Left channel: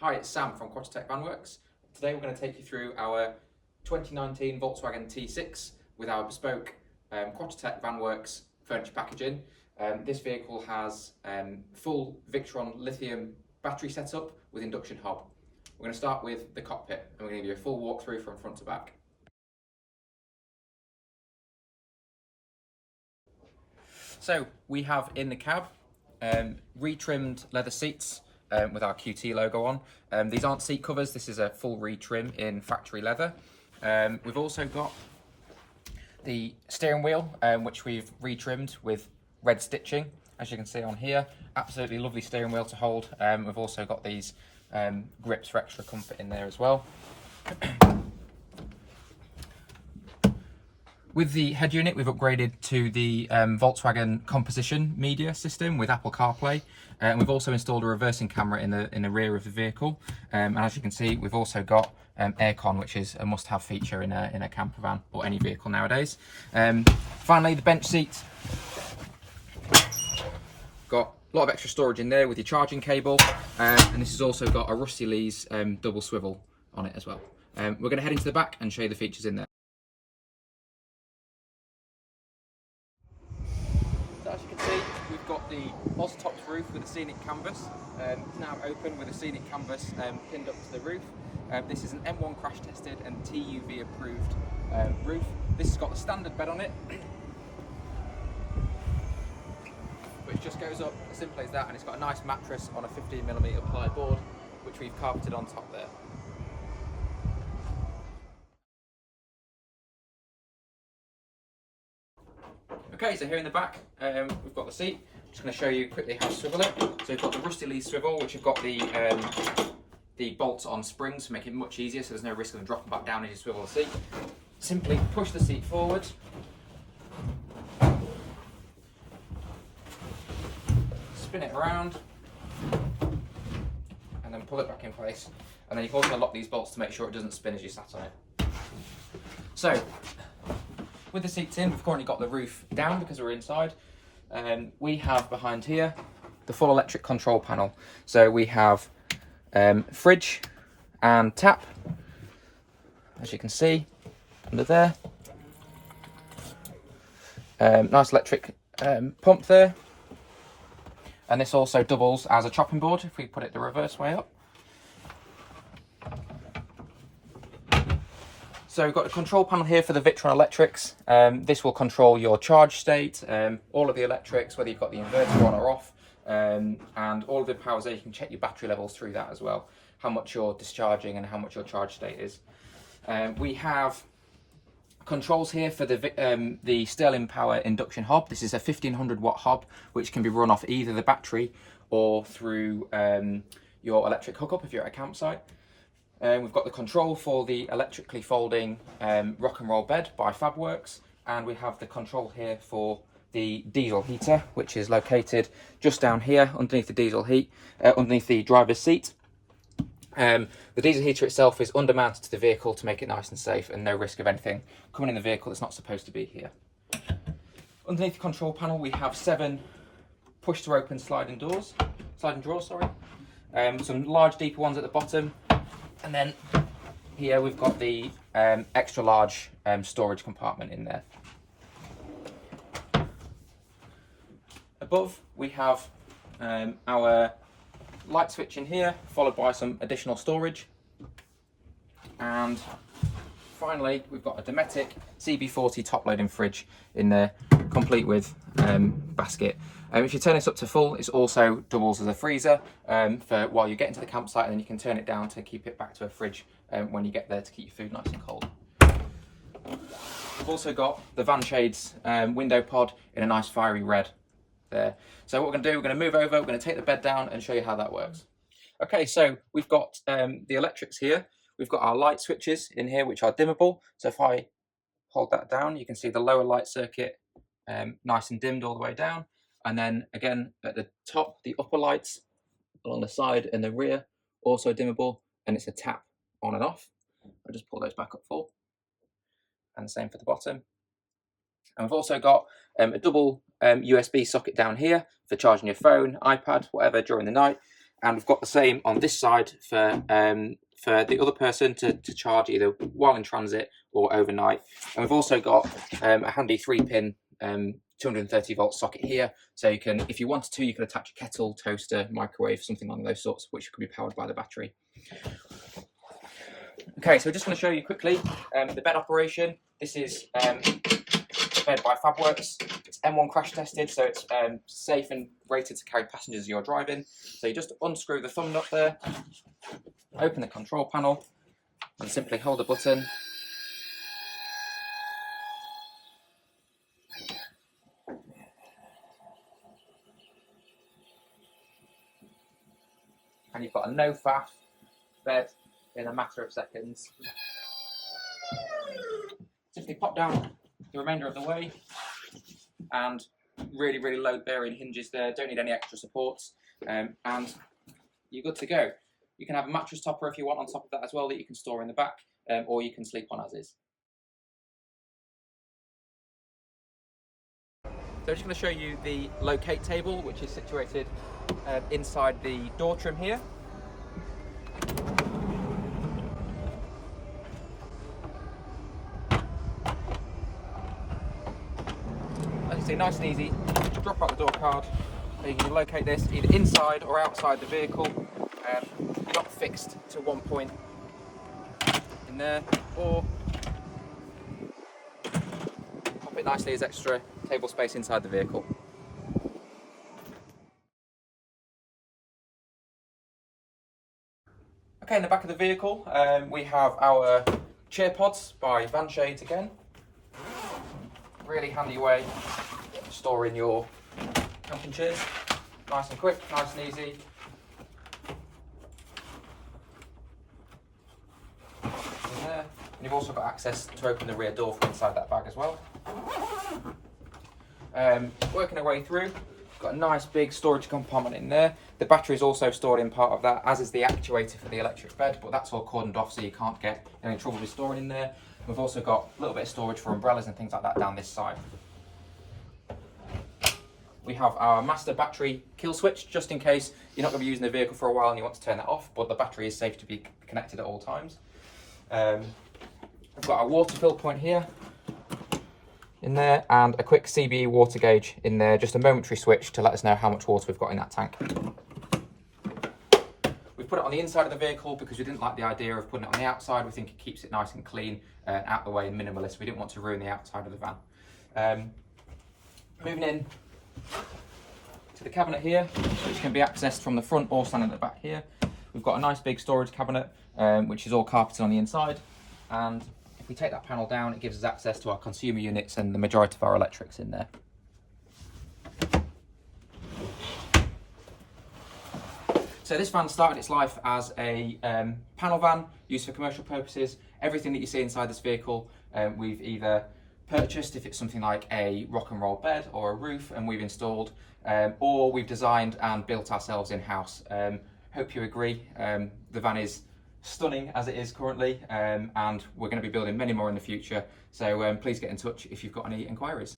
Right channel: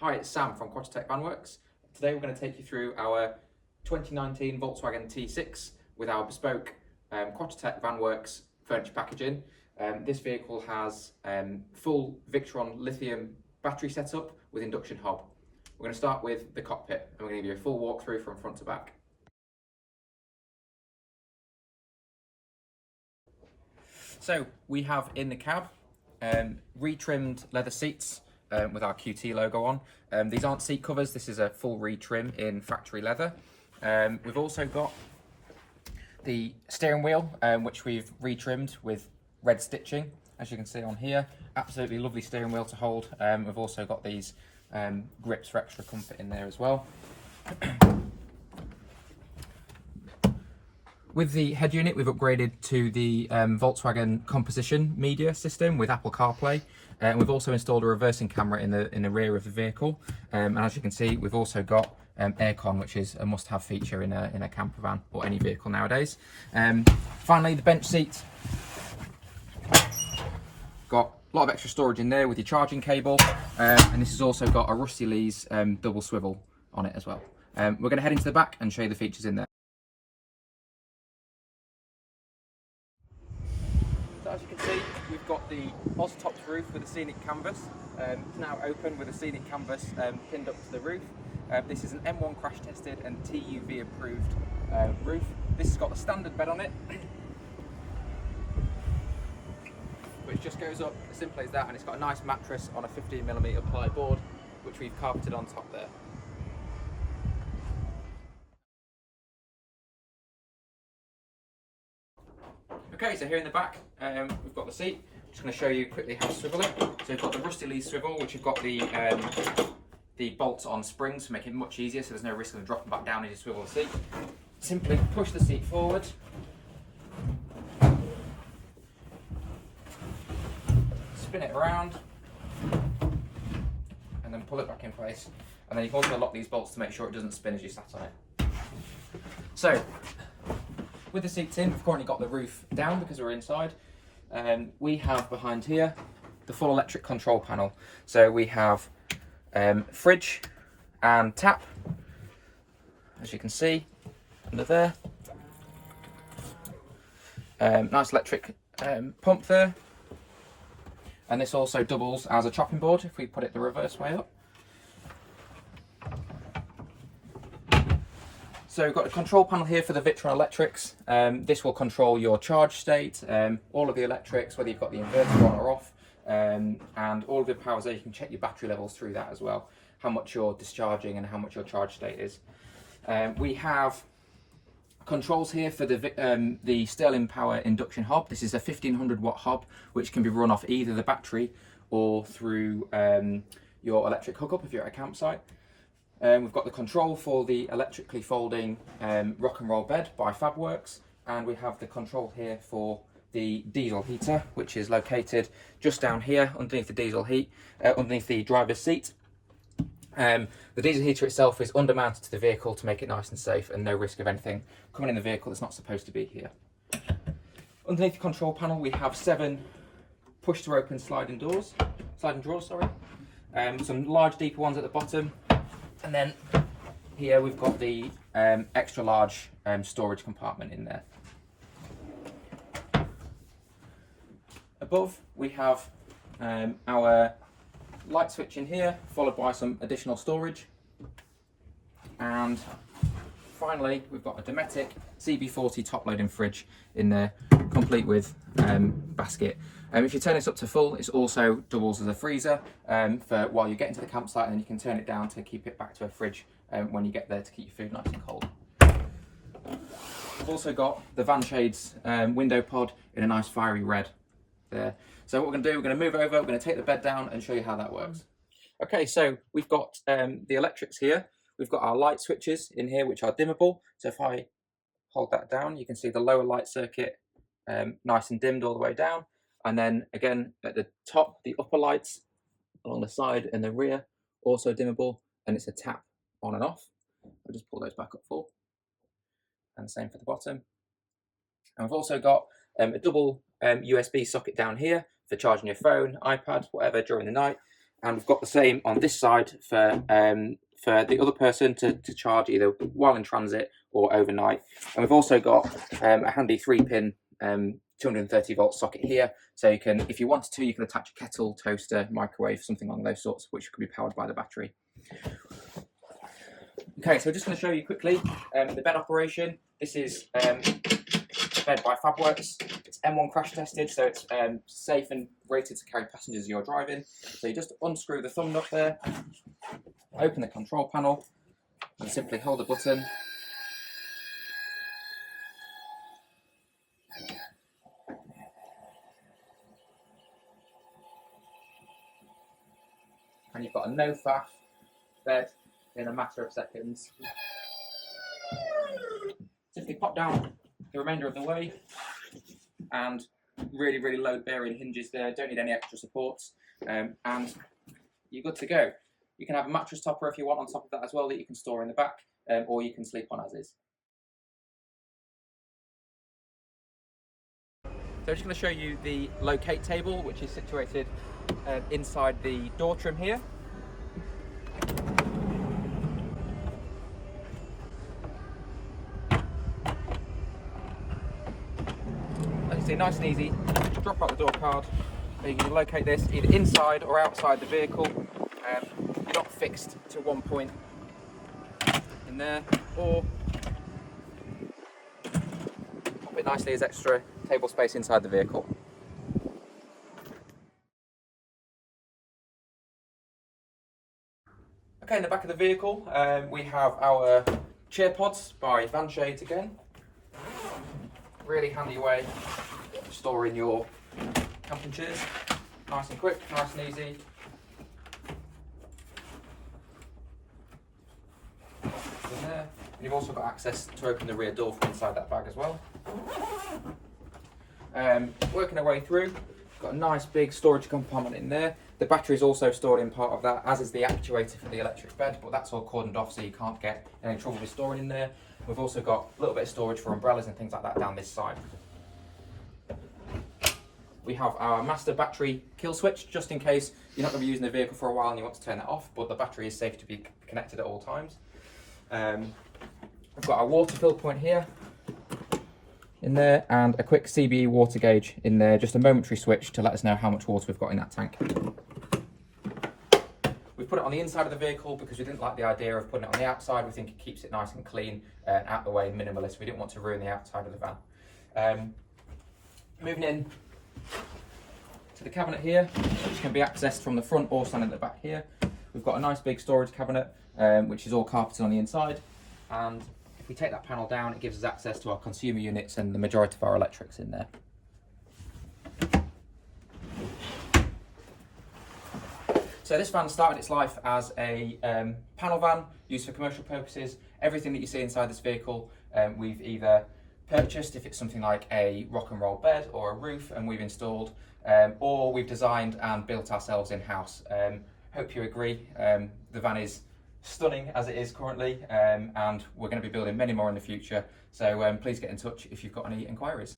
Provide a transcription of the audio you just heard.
Hi, it's Sam from Quattro-Tech Vanwerks. Today we're going to take you through our 2019 Volkswagen T6 with our bespoke Quattro-Tech Vanwerks furniture packaging. This vehicle has full Victron lithium battery setup with induction hob. We're going to start with the cockpit and we're going to give you a full walkthrough from front to back. So we have in the cab retrimmed leather seats with our QT logo on. These aren't seat covers, this is a full retrim in factory leather. We've also got the steering wheel, which we've retrimmed with red stitching, as you can see on here. Absolutely lovely steering wheel to hold. We've also got these grips for extra comfort in there as well. With the head unit, we've upgraded to the Volkswagen composition media system with Apple CarPlay, and we've also installed a reversing camera in the rear of the vehicle. And as you can see, we've also got aircon, which is a must-have feature in a camper van or any vehicle nowadays. Finally, the bench seat. Got a lot of extra storage in there with your charging cable, and this has also got a Rusty Lee's double swivel on it as well. We're going to head into the back and show you the features in there. So as you can see, we've got the Tops roof with a scenic canvas. It's now open with a scenic canvas pinned up to the roof. This is an M1 crash tested and TUV approved roof. This has got the standard bed on it, which just goes up as simply as that, and it's got a nice mattress on a 15mm ply board, which we've carpeted on top there. Okay, so here in the back, we've got the seat. I'm just going to show you quickly how to swivel it. So we've got the Rusty Lee swivel, which have got the bolts on springs to make it much easier, so there's no risk of them dropping back down as you swivel the seat. Simply push the seat forward, spin it around, and then pull it back in place. And then you can also lock these bolts to make sure it doesn't spin as you sat on it. So, with the seats in, we've currently got the roof down because we're inside. We have behind here the full electric control panel. So we have fridge and tap, as you can see under there. Nice electric pump there. And this also doubles as a chopping board if we put it the reverse way up. So we've got a control panel here for the Victron electrics. This will control your charge state, all of the electrics, whether you've got the inverter on or off, and all of the powers there. You can check your battery levels through that as well, how much you're discharging and how much your charge state is. We have controls here for the Sterling Power Induction Hob. This is a 1500 watt hob, which can be run off either the battery or through your electric hookup if you're at a campsite. We've got the control for the electrically folding rock and roll bed by Fabworks, and we have the control here for the diesel heater, which is located just down here underneath the diesel heat, underneath the driver's seat. The diesel heater itself is undermounted to the vehicle to make it nice and safe and no risk of anything coming in the vehicle that's not supposed to be here. Underneath the control panel we have 7 push to open sliding drawers, some large deeper ones at the bottom. And then here we've got the extra large storage compartment in there. Above we have our light switch in here, followed by some additional storage. And finally we've got a Dometic CB40 top loading fridge in there, complete with basket. If you turn this up to full, it also doubles as a freezer for while you get into the campsite, and then you can turn it down to keep it back to a fridge when you get there to keep your food nice and cold. We've also got the Van Shades window pod in a nice fiery red there. So what we're going to do, we're going to move over, we're going to take the bed down and show you how that works. Okay, so we've got the electrics here. We've got our light switches in here, which are dimmable. So if I hold that down, you can see the lower light circuit nice and dimmed all the way down. And then again at the top, the upper lights along the side and the rear, also dimmable, and it's a tap on and off. I'll just pull those back up full. And the same for the bottom. And we've also got a double USB socket down here for charging your phone, iPad, whatever during the night. and we've got the same on this side for the other person to charge either while in transit or overnight. And we've also got a handy 3-pin 230 volt socket here, so you can, if you wanted to, you can attach a kettle, toaster, microwave, something along those sorts, which could be powered by the battery. Okay, so just going to show you quickly the bed operation. This is a bed by FabWorks. It's M1 crash tested, so it's safe and rated to carry passengers as you're driving. So you just unscrew the thumb nut there, open the control panel, and simply hold the button. And you've got a no faff bed in a matter of seconds. Simply pop down the remainder of the way, and really low bearing hinges there, don't need any extra supports, and you're good to go. You can have a mattress topper if you want on top of that as well, that you can store in the back, or you can sleep on as is. So I'm just going to show you the locate table, which is situated inside the door trim here. As you see, nice and easy, drop out the door card, and you can locate this either inside or outside the vehicle. You're not fixed to one point in there, or pop it nicely as extra table space inside the vehicle. Okay, in the back of the vehicle, we have our chair pods by Van Shades again. Really handy way of storing your camping chairs. Nice and quick, nice and easy. In there. And you've also got access to open the rear door from inside that bag as well. Working our way through, got a nice big storage compartment in there. The battery is also stored in part of that, as is the actuator for the electric bed, but that's all cordoned off so you can't get any trouble with storing in there. We've also got a little bit of storage for umbrellas and things like that down this side. We have our master battery kill switch, just in case you're not going to be using the vehicle for a while and you want to turn that off, but the battery is safe to be connected at all times. We've got our water fill point here, in there, and a quick CBE water gauge in there, just a momentary switch to let us know how much water we've got in that tank. We've put it on the inside of the vehicle because we didn't like the idea of putting it on the outside. We think it keeps it nice and clean, out the way, minimalist. We didn't want to ruin the outside of the van. Moving in to the cabinet here, which can be accessed from the front or standing at the back here. We've got a nice big storage cabinet, which is all carpeted on the inside, and if we take that panel down, it gives us access to our consumer units and the majority of our electrics in there. So this van started its life as a panel van used for commercial purposes. Everything that you see inside this vehicle, we've either purchased, if it's something like a rock and roll bed or a roof, and we've installed, or we've designed and built ourselves in-house. Hope you agree. The van is stunning as it is currently, and we're going to be building many more in the future, so please get in touch if you've got any inquiries.